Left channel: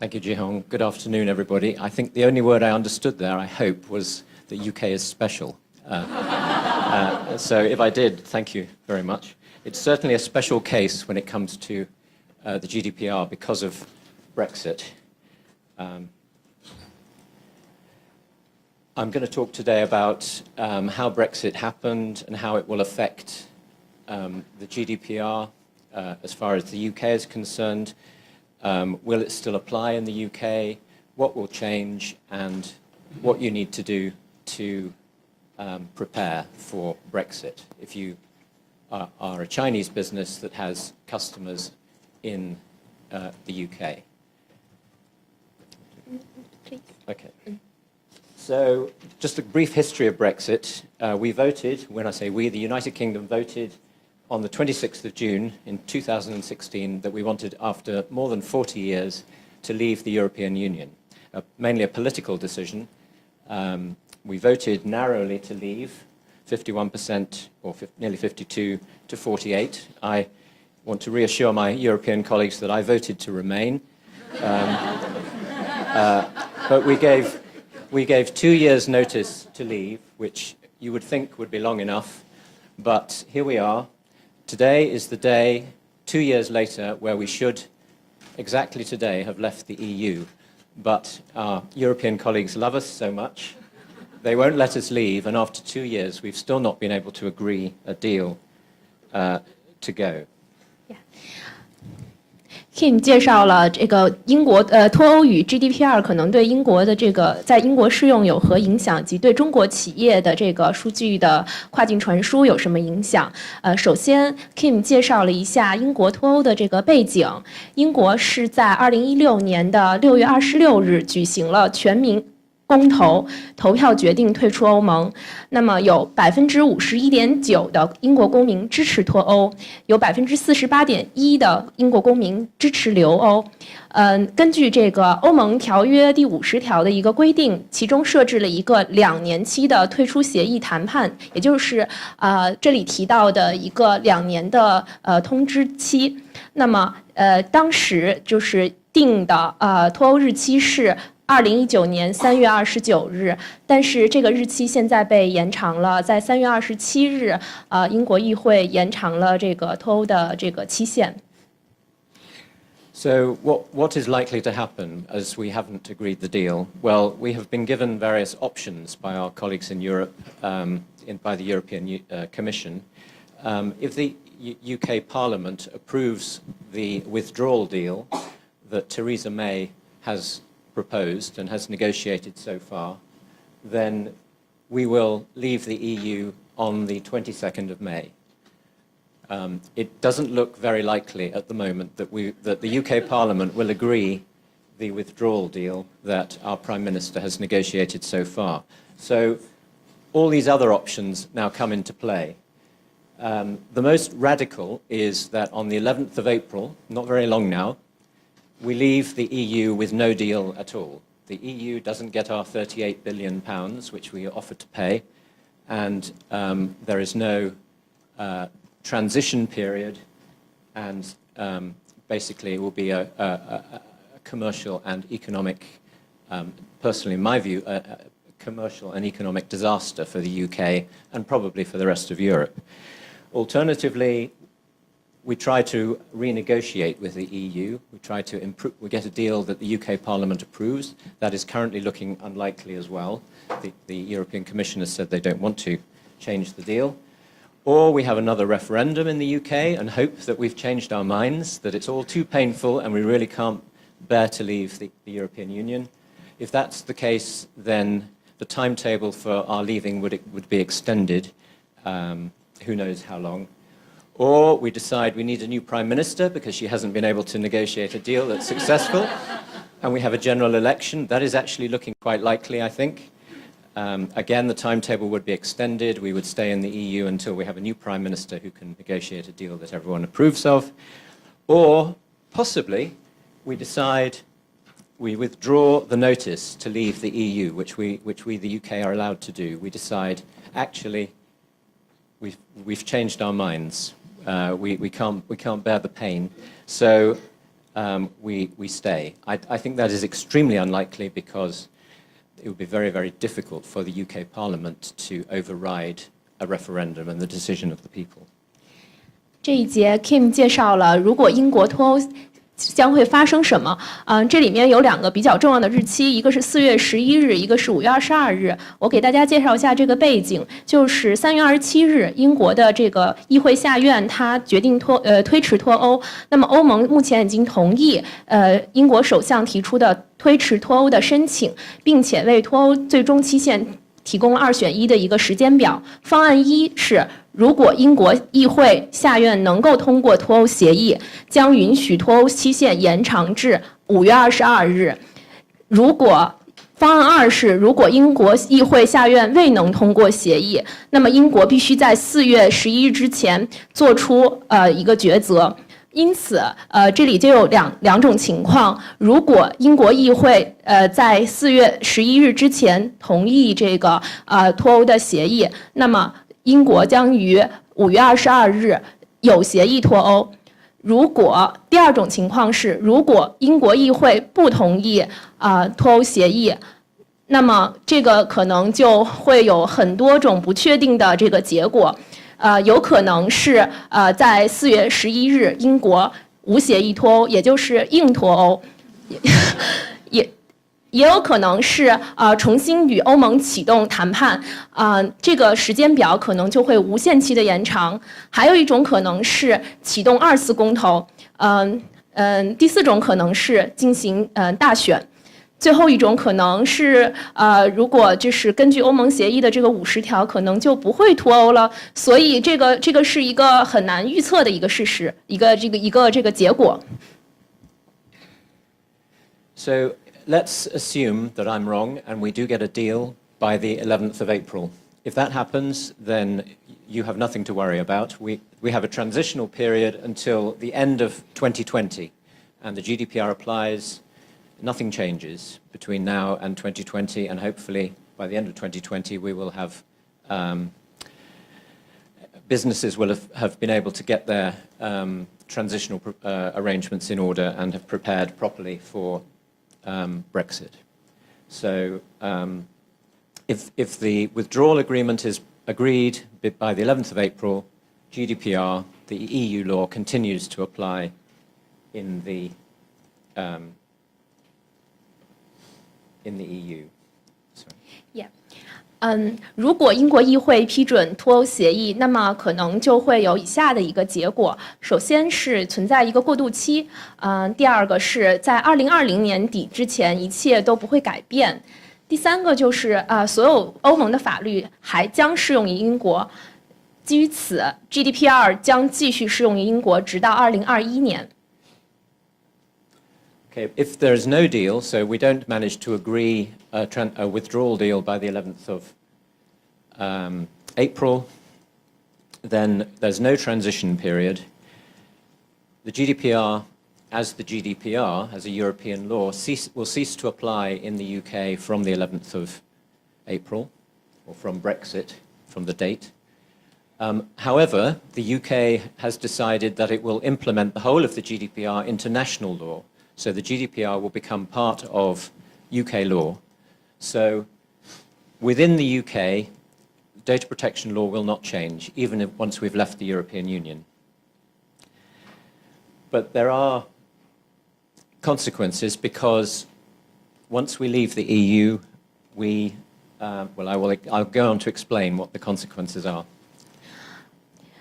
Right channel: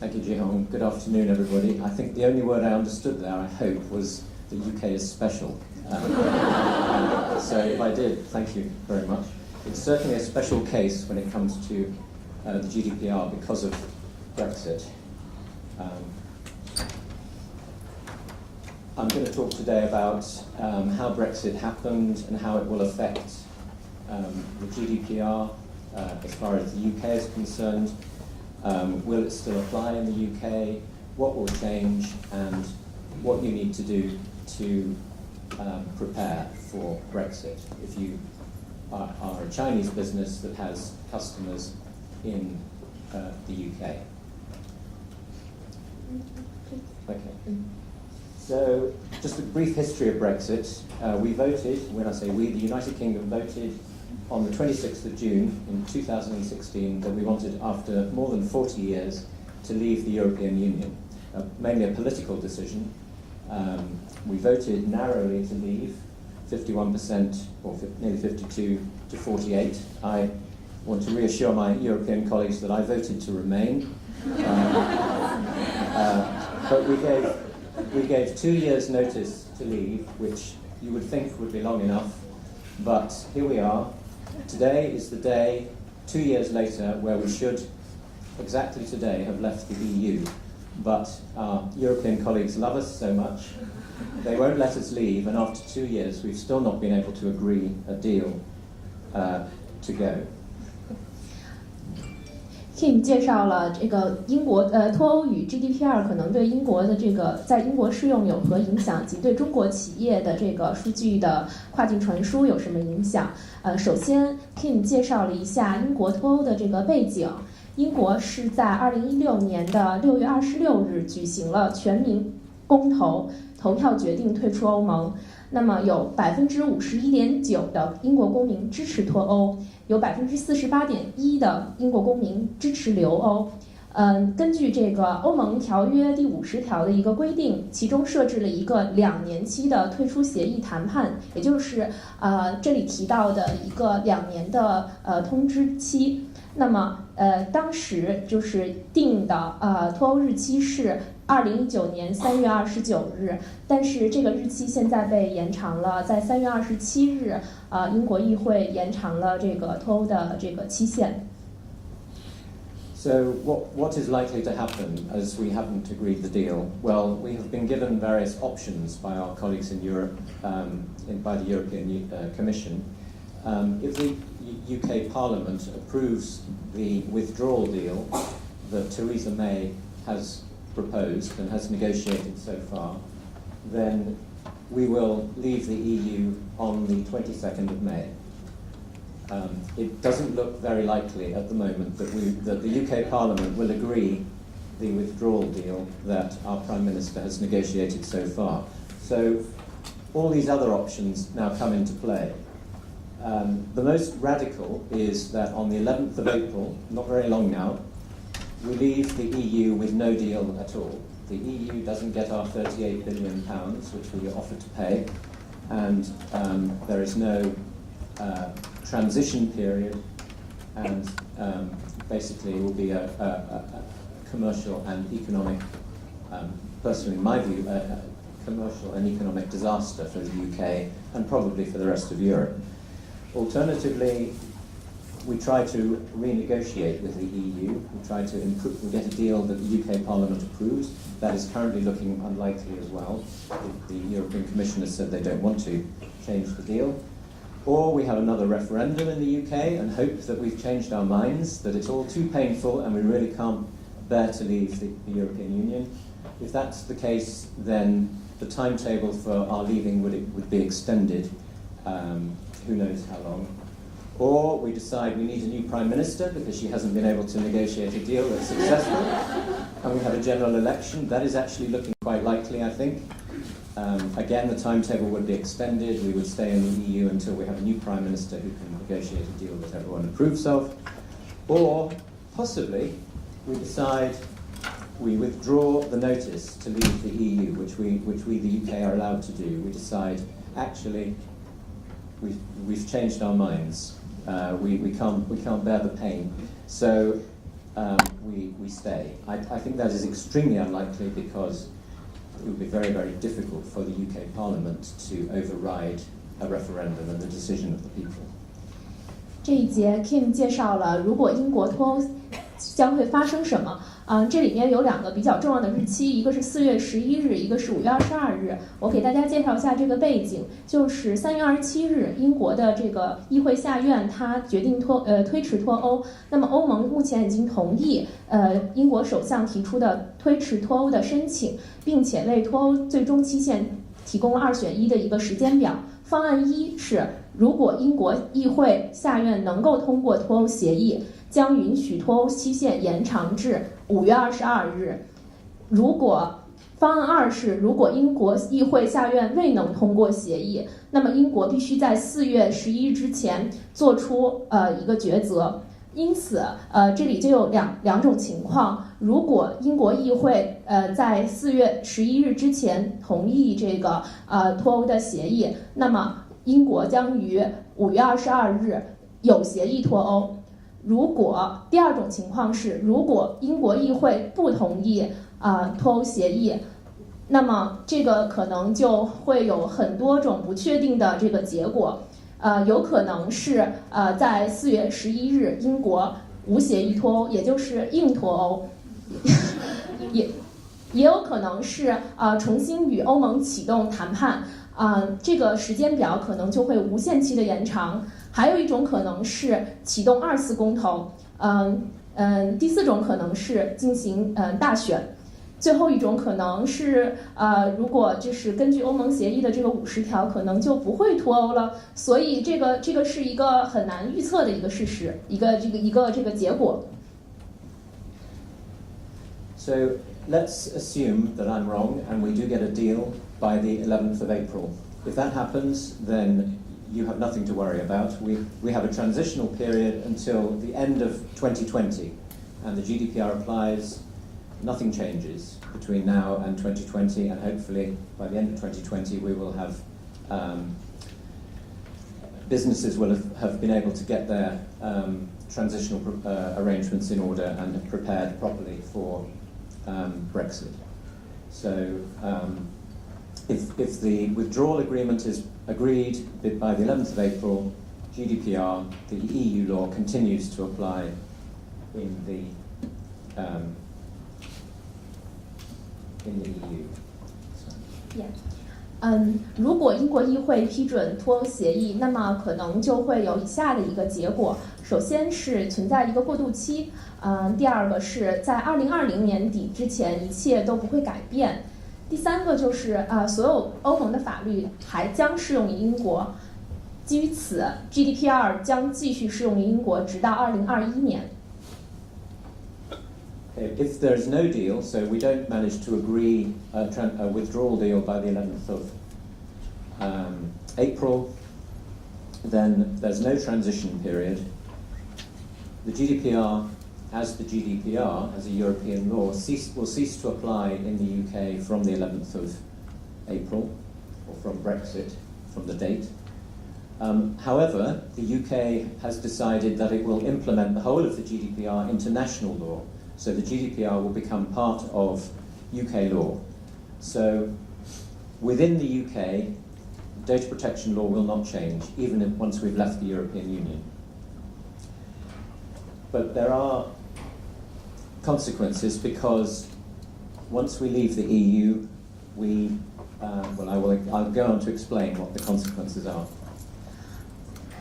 Thank you, Ji-Hong. Good afternoon, everybody. I think the only word I understood there, I hope, was the UK is special. So if I did, thank you very much. It's certainly a special case when it comes to the GDPR because of Brexit. I'm going to talk today about how Brexit happened and how it will affect the GDPR as far as the UK is concerned. Will it still apply in the UK? What will change? And what you need to do to prepare for Brexit if you are a Chinese business that has customers in the UK. Okay. So just a brief history of Brexit. We voted, when I say we, the United Kingdom voted on the 26th of June in 2016 that we wanted, after more than 40 years, to leave the European Union. Mainly a political decision. We voted narrowly to leave, 51% or nearly 52 to 48. I want to reassure my European colleagues that I voted to remain. But we gave 2 years' notice to leave, which you would think would be long enough. But here we are. Today is the day, 2 years later, where we should, exactly today, have left the EU. But our European colleagues love us so much, they won't let us leave, and after 2 years, we've still not been able to agree a deal to go. Kim 介绍了这个英国脱欧与 GDPR 可能对英国的这个在英国适用有何影响，及对中国企业的这个数据的跨境传输有什么影响。首先 Kim 介绍了一下英国脱欧的这个背景。英国是在2016年的6月26日举行了全民公投票决定退出欧盟，那么有51.9%的英国公民支持脱欧，有48.1%的英国公民支持留欧。根据这个欧盟条约第50条的一个规定，其中设置了一个2年期的退出协议谈判，也就是这里提到的一个2年的通知期。那么当时就是定的脱欧日期是2019年3月29日，但是这个日期现在被延长了，在3月27日，英国议会延长了这个脱欧的这个期限。So what is likely to happen as we haven't agreed the deal? Well, we have been given various options by our colleagues in Europe, by the European Commission. If the UK Parliament approves the withdrawal deal that Theresa May has proposed and has negotiated so far, then we will leave the EU on the 22nd of May. It doesn't look very likely at the moment that the UK Parliament will agree the withdrawal deal that our Prime Minister has negotiated so far. So all these other options now come into play. The most radical is that on the 11th of April, not very long now, we leave the EU with no deal at all. The EU doesn't get our £38 billion, which we are offered to pay, and there is no transition period, and basically it will be a commercial and economic, personally in my view, a commercial and economic disaster for the UK and probably for the rest of Europe. Alternatively, we try to renegotiate with the EU. We try to get a deal that the UK Parliament approves. That is currently looking unlikely as well. The European Commission has said they don't want to change the deal. Or we have another referendum in the UK and hope that we've changed our minds, that it's all too painful and we really can't bear to leave the European Union. If that's the case, then the timetable for our leaving would be extended, who knows how long. Or we decide we need a new Prime Minister because she hasn't been able to negotiate a deal that's successful, and we have a general election. That is actually looking quite likely, I think. Again, the timetable would be extended. We would stay in the EU until we have a new Prime Minister who can negotiate a deal that everyone approves of. Or, possibly, we decide we withdraw the notice to leave the EU, which we, the UK, are allowed to do. We decide, actually, we've changed our minds. We can't bear the pain. So we stay. I think that is extremely unlikely because it would be very, very difficult for the UK Parliament to override a referendum and the decision of the people. 这一节 Kim 介绍了如果英国脱欧将会发生什么。这里面有2个比较重要的日期，一个是4月11日，一个是5月22日。我给大家介绍一下这个背景，就是3月27日，英国的这个议会下院它决定推迟脱欧。那么欧盟目前已经同意英国首相提出的推迟脱欧的申请，并且为脱欧最终期限提供2选1的一个时间表。方案1是，如果英国议会下院能够通过脱欧协议，将允许脱欧期限延长至5月22日。方案2是，如果英国议会下院未能通过协议，那么英国必须在4月11日之前做出一个抉择。因此，这里就有两种情况：如果英国议会在4月11日之前同意这个脱欧的协议，那么英国将于5月22日有协议脱欧。第二种情况是，如果英国议会不同意脱欧协议，那么这个可能就会有很多种不确定的这个结果。有可能是在4月11日英国无协议脱欧，也就是硬脱欧，也有可能是重新与欧盟启动谈判，这个时间表可能就会无限期的延长。还有一种可能是启动2次公投，第4种可能是进行大选。最后一种可能是，如果就是根据欧盟协议的这个50条，可能就不会脱欧了。所以这个是一个很难预测的一个事实，一个结果。So let's assume that I'm wrong and we do get a deal by the 11th of April. If that happens, then you have nothing to worry about. We have a transitional period until the end of 2020, and the GDPR applies. Nothing changes between now and 2020, and hopefully by the end of 2020 we will have businesses will have been able to get their transitional arrangements in order and have prepared properly for Brexit. So if the withdrawal agreement is agreed by the 11th of April, GDPR, the EU law, continues to apply in the EU. Yeah. 如果英国议会批准脱欧协议，那么可能就会有以下的一个结果：首先是存在一个过渡期，第二个是在2020年底之前一切都不会改变，第三个就是所有欧盟的法律还将适用于英国。基于此 ，GDPR 将继续适用于英国直到2021年。Okay, if there is no deal, so we don't manage to agree a withdrawal deal by the 11th of April, then there's no transition period. The GDPR, as the GDPR, as a European law, will cease to apply in the UK from the 11th of April, or from Brexit, from the date. However, the UK has decided that it will implement the whole of the GDPR into national law. So the GDPR will become part of UK law. So within the UK, data protection law will not change, even once we've left the European Union. But there are consequences because once we leave the EU, I'll go on to explain what the consequences are.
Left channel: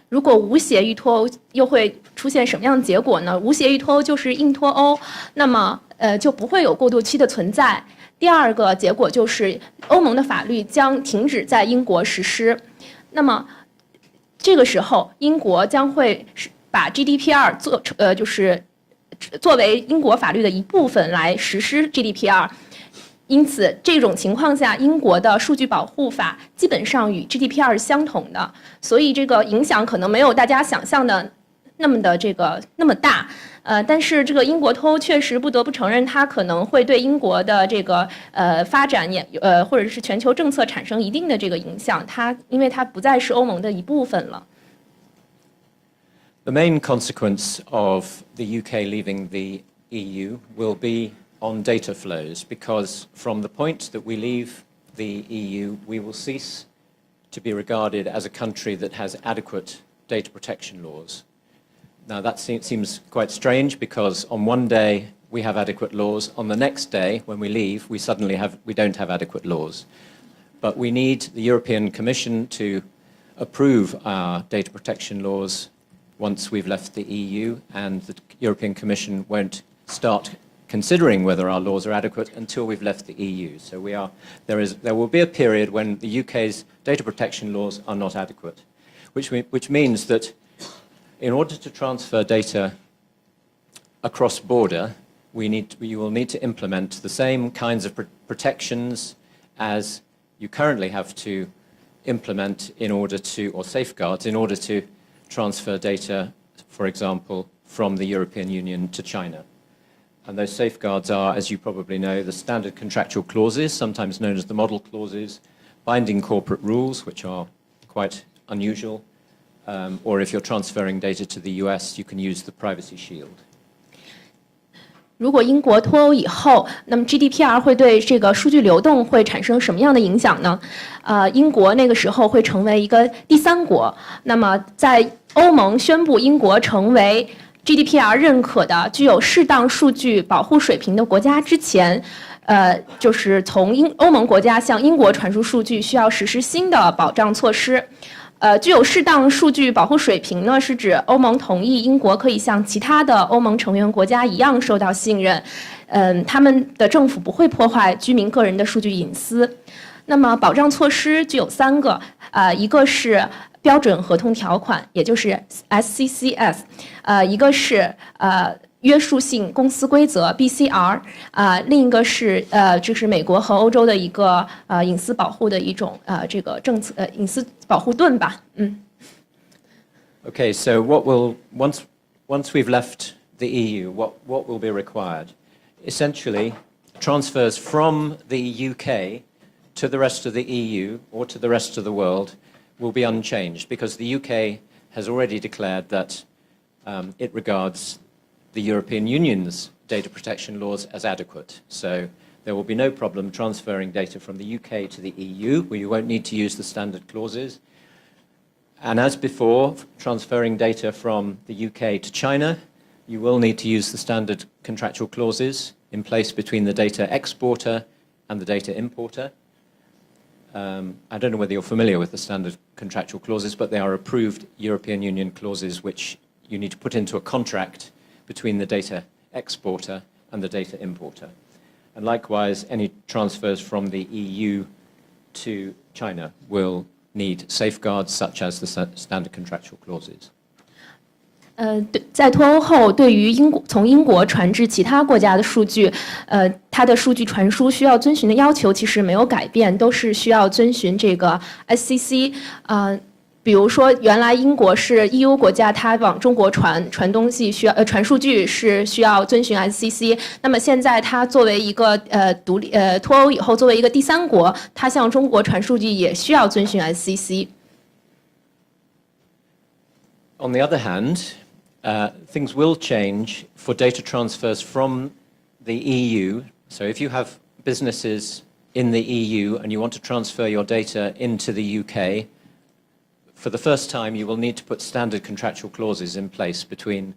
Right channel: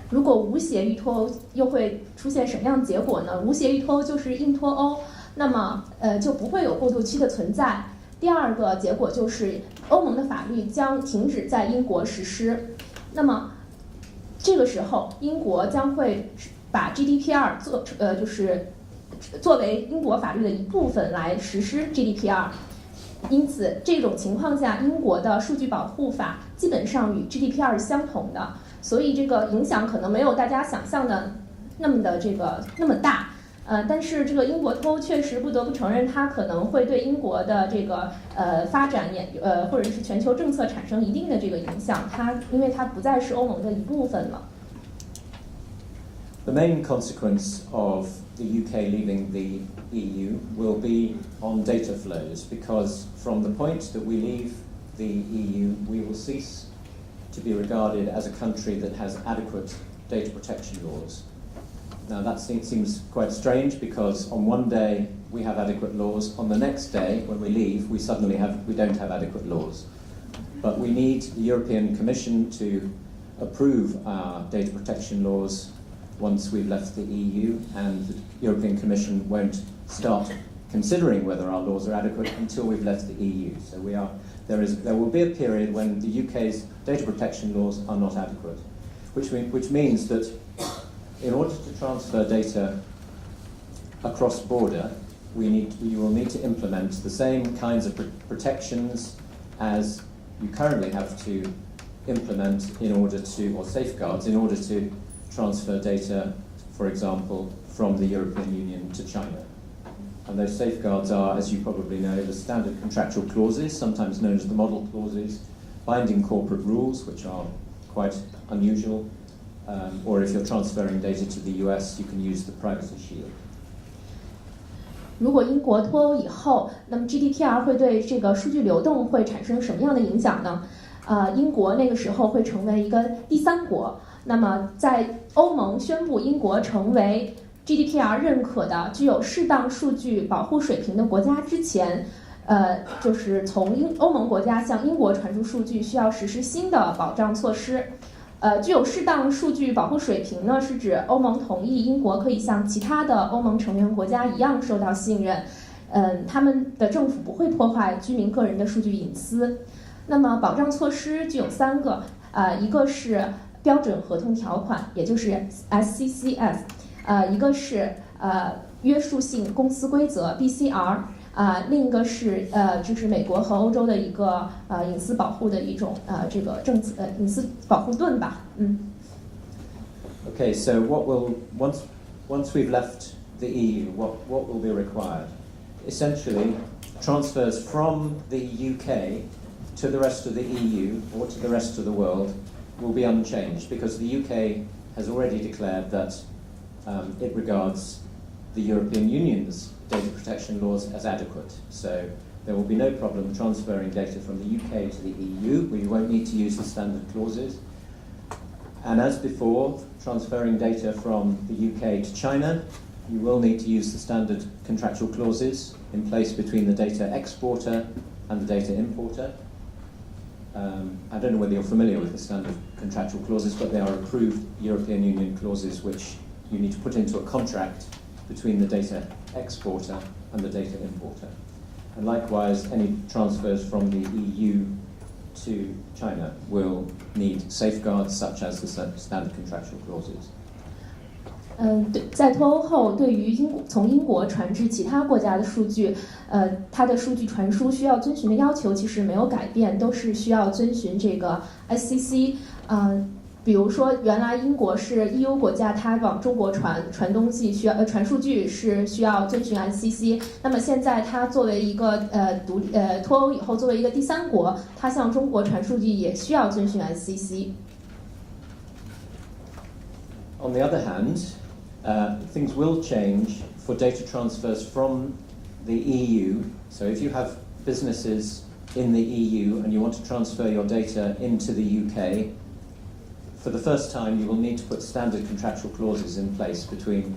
如果无协议脱欧，又会出现什么样的结果呢？无协议脱欧就是硬脱欧，那么就不会有过渡期的存在。第二个结果就是欧盟的法律将停止在英国实施。那么这个时候，英国将会把 GDPR 作为英国法律的一部分来实施 GDPR。因此，这种情况下，英国的数据保护法基本上与 GDPR 是相同的，所以这个影响可能没有大家想象的那么大。但是这个英国脱欧确实不得不承认，它可能会对英国的这个发展或者是全球政策产生一定的这个影响。因为它不再是欧盟的一部分了。The main consequence of the UK leaving the EU will be on data flows, because from the point that we leave the EU, we will cease to be regarded as a country that has adequate data protection laws. Now that seems quite strange, because on one day we have adequate laws, on the next day when we leave we don't have adequate laws. But we need the European Commission to approve our data protection laws once we've left the EU, and the European Commission won't start considering whether our laws are adequate until we've left the EU. So there will be a period when the UK's data protection laws are not adequate, which means that in order to transfer data across border, you will need to implement the same kinds of protections as you currently have to implement or safeguards in order to transfer data, for example, from the European Union to China. And those safeguards are, as you probably know, the standard contractual clauses, sometimes known as the model clauses, binding corporate rules, which are quite unusual, or if you're transferring data to the US, you can use the Privacy Shield. 如果英国脱欧以后，那么 GDPR 会对这个数据流动会产生什么样的影响呢？英国那个时候会成为一个第三国。那么在欧盟宣布英国成为 GDPR 认可的具有适当数据保护水平的国家之前，就是从欧盟国家向英国传输数据需要实施新的保障措施。具有适当数据保护水平呢，是指欧盟同意英国可以像其他的欧盟成员国家一样受到信任，他们的政府不会破坏居民个人的数据隐私。那么保障措施具有3个，一个是标准合同条款，也就是 SCCS， 一个是约束性公司规则 BCR， 另一个是就是美国和欧洲的一个隐私保护的一种这个政策隐私保护盾吧。Okay, so once we've left the EU, what will be required? Essentially, transfers from the UK to the rest of the EU or to the rest of the world will be unchanged, because the UK has already declared that it regards the European Union's data protection laws as adequate. So there will be no problem transferring data from the UK to the EU, where you won't need to use the standard clauses. And as before, transferring data from the UK to China, you will need to use the standard contractual clauses in place between the data exporter and the data importer. I don't know whether you're familiar with the standard contractual clauses, but they are approved European Union clauses which you need to put into a contract between the data exporter and the data importer. And likewise, any transfers from the EU to China will need safeguards such as the standard contractual clauses. 在脱欧后，对于从英国传至其他国家的数据，它的数据传输需要遵循的要求其实没有改变，都是需要遵循这个 SCC。比如说，原来英国是 EU 国家，它往中国传东西传数据是需要遵循 SCC。那么现在它作为一个脱欧以后作为一个第三国，它向中国传数据也需要遵循 SCC。On the other hand, things will change for data transfers from the EU. So if you have businesses in the EU and you want to transfer your data into the UK, for the first time you will need to put standard contractual clauses in place between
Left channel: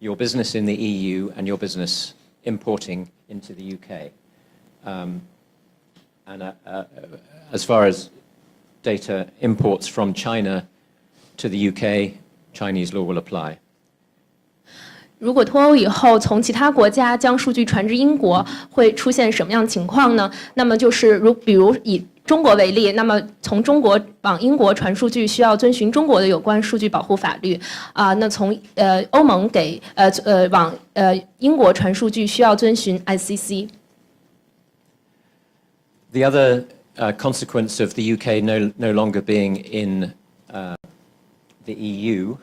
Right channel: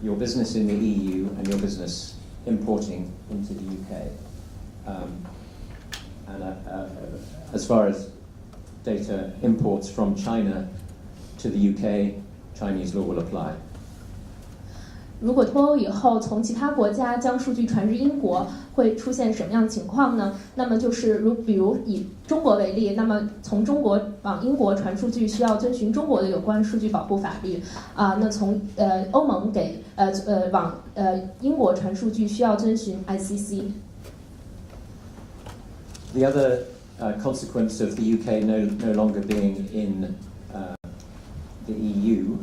your business in the EU and your business importing into the UK. As far as data imports from China to the UK, Chinese law will apply. 如果脱欧以后，从其他国家将数据传至英国，会出现什么样的情况呢？那么就是比如以中国为例，那么从中国往英国传数据需要遵循中国的有关数据保护法律那从欧盟往英国传数据需要遵循 SCC。 The other consequence of the UK no longer being in the EU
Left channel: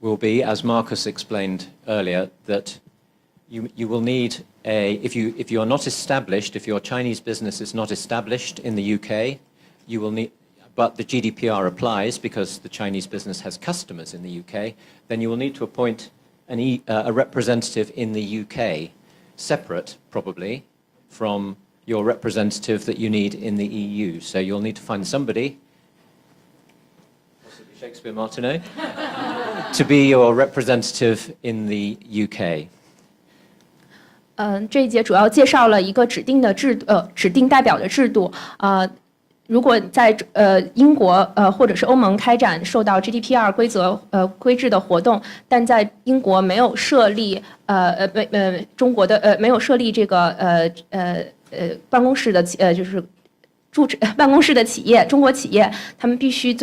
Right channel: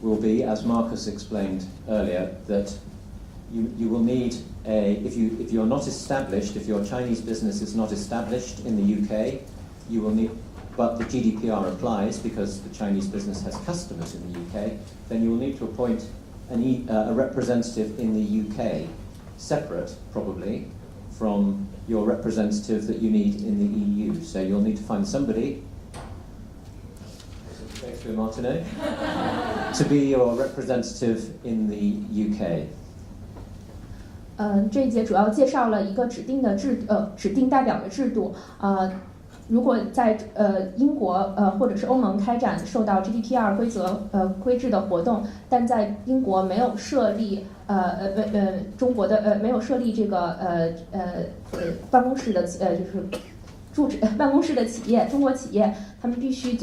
will be, as Marcus explained earlier, that you will need if you are not established, if your Chinese business is not established in the UK, you will need, but the GDPR applies because the Chinese business has customers in the UK, then you will need to appoint a representative in the UK, separate probably from your representative that you need in the EU. So you'll need to find somebody, Shakespeare Martineau, to be your representative in the UK. 这一节主要介绍了一个指定代表的制度。如果在英国或者是欧盟开展受到 GDPR 规制的活动，但在英国没有设立中国的没有设立这个办公室的就是办公室的企业，中国企业，他们必须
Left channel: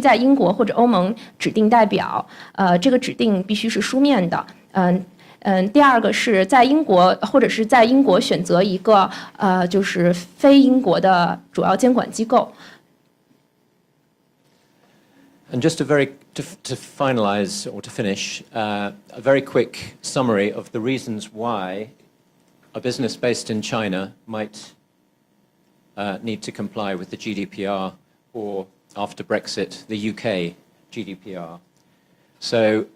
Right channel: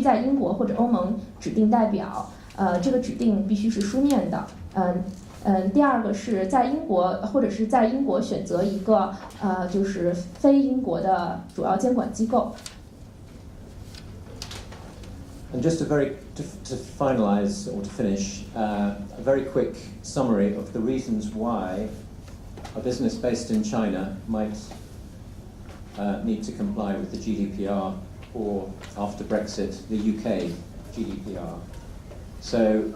在英国或者欧盟指定代表，这个指定必须是书面的。第二个是在英国或者是在英国选择一个就是非英国的主要监管机构。And just to finalize or to finish, a very quick summary of the reasons why a business based in China might need to comply with the GDPR or after Brexit, the UK GDPR. So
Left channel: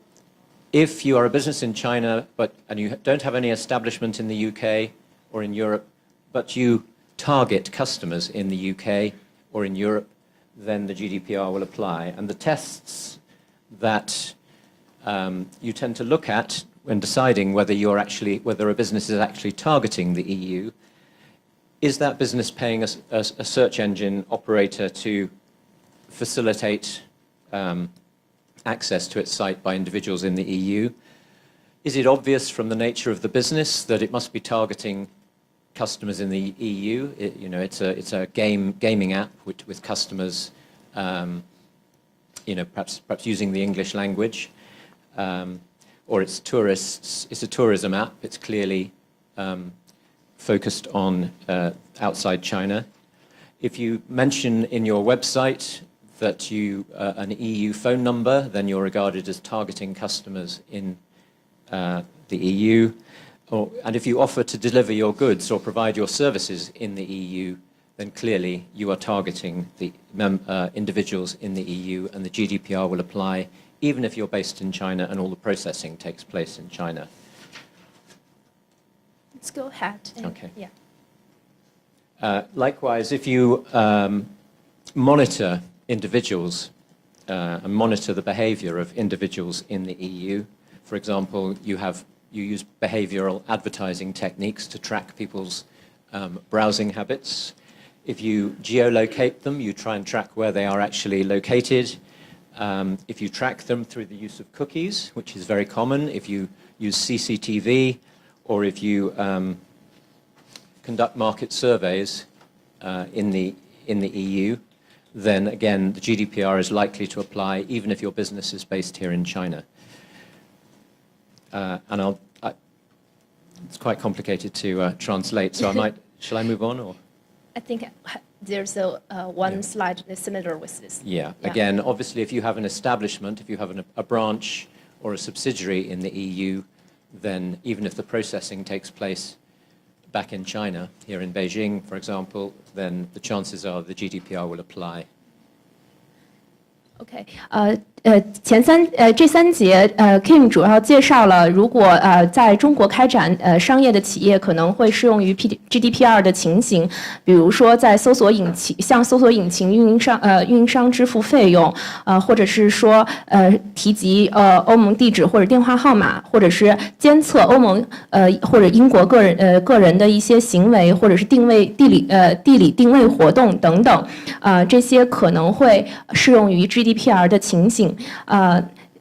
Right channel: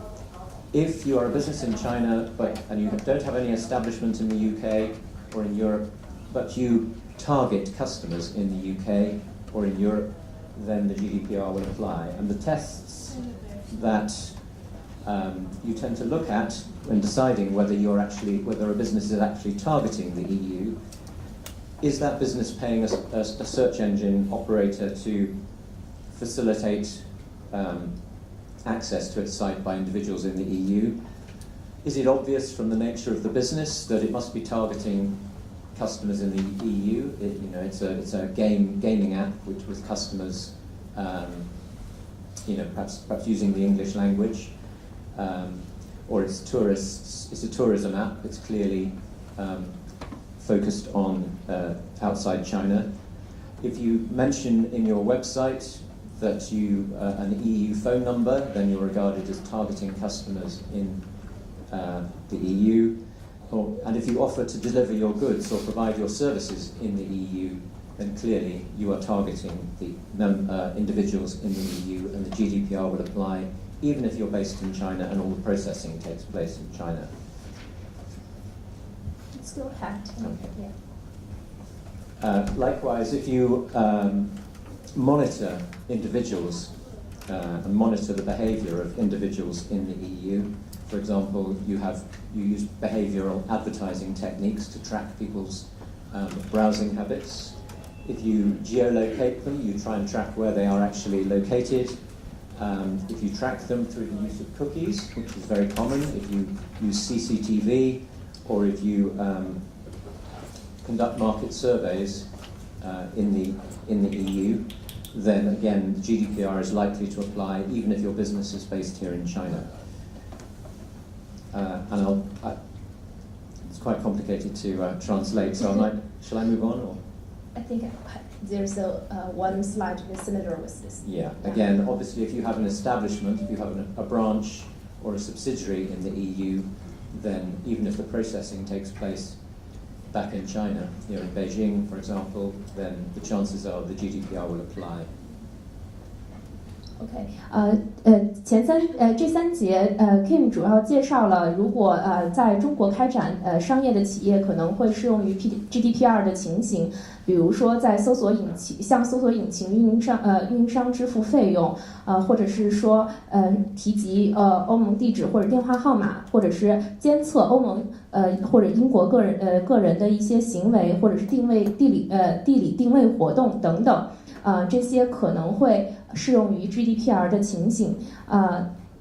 if you are a business in China and you don't have any establishment in the UK or in Europe, but you target customers in the UK or in Europe, then the GDPR will apply. And the tests that you tend to look at when deciding whether a business is actually targeting the EU, is that business paying a search engine operator to facilitate access to its site by individuals in the EU? Is it obvious from the nature of the business that it must be targeting customers in the EU? It's a gaming app with customers, perhaps using the English language, or it's tourists. It's a tourism app. It's clearly focused on outside China. If you mention in your website that an EU phone number, then you're regarded as targeting customers in the EU. And if you offer to deliver your goods or provide your services in the EU, then clearly you are targeting the individuals in the EU, and the GDPR will apply even if you're based in China and all the processing takes place in China. Let's go ahead. Okay. Yeah. Likewise, if you monitor individuals and monitor the behavior of individuals in the EU. For example, you use behavioral advertising techniques to track people's browsing habits. If you geolocate them, you try and track where they are actually located. If you track them through the use of cookies, which is very common, if you use CCTV, or if you conduct market surveys in the EU, then again, the GDPR is likely to apply even if your business is based here in China. It's quite complicated to translate, so shall I move on? Or? I think there's one slide that's similar with this. Yeah. Again, obviously, if you have an establishment, if you have a branch or a subsidiary in the EU, then even if the processing takes place back in China, here in Beijing, for example, then the chances are the GDPR will apply. OK，这三节Kim 主要介绍了，如果在中国开展商业的企业可能会适用于 GDPR 的情形，比如说在向搜索引擎运营商支付费用，或者是说提及欧盟地址或者电话号码，或者是监测欧盟或者英国个人的一些行为，或者是地理定位活动等等，这些可能会适用于 GDPR 的情形。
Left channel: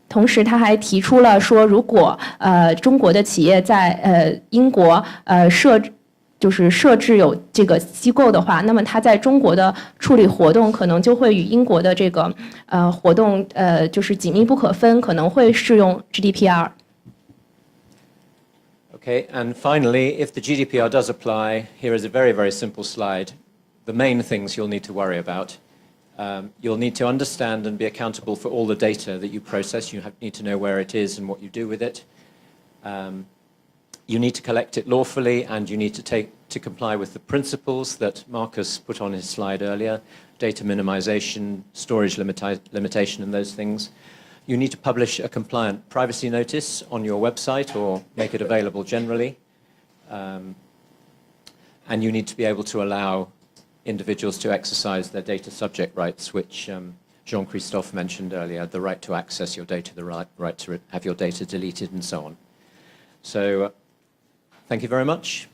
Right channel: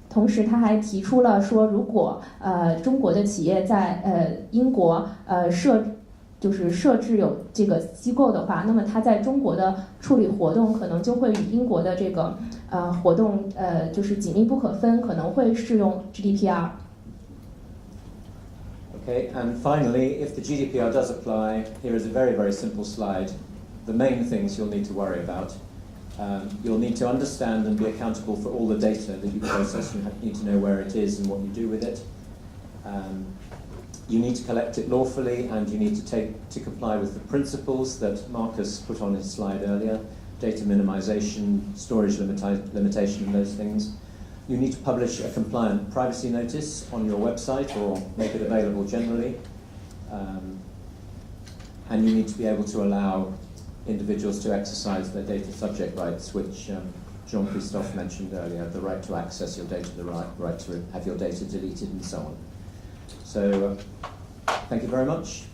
同时他还提出了说，如果中国的企业在英国设置有这个机构的话，那么他在中国的处理活动可能就会与英国的这个活动就是紧密不可分，可能会适用 GDPR。 Okay, and finally, if the GDPR does apply, here is a very, very simple slide. The main things you'll need to worry about. You'll need to understand and be accountable for all the data that you process. You need to know where it is and what you do with it. You need to collect it lawfully, and you need to comply with the principles that Marcus put on his slide earlier, data minimization, storage limitation, and those things. You need to publish a compliant privacy notice on your website or make it available generally. And you need to be able to allow individuals to exercise their data subject rights, which Jean-Christophe mentioned earlier, the right to access your data, the right to have your data deleted, and so on. So thank you very much.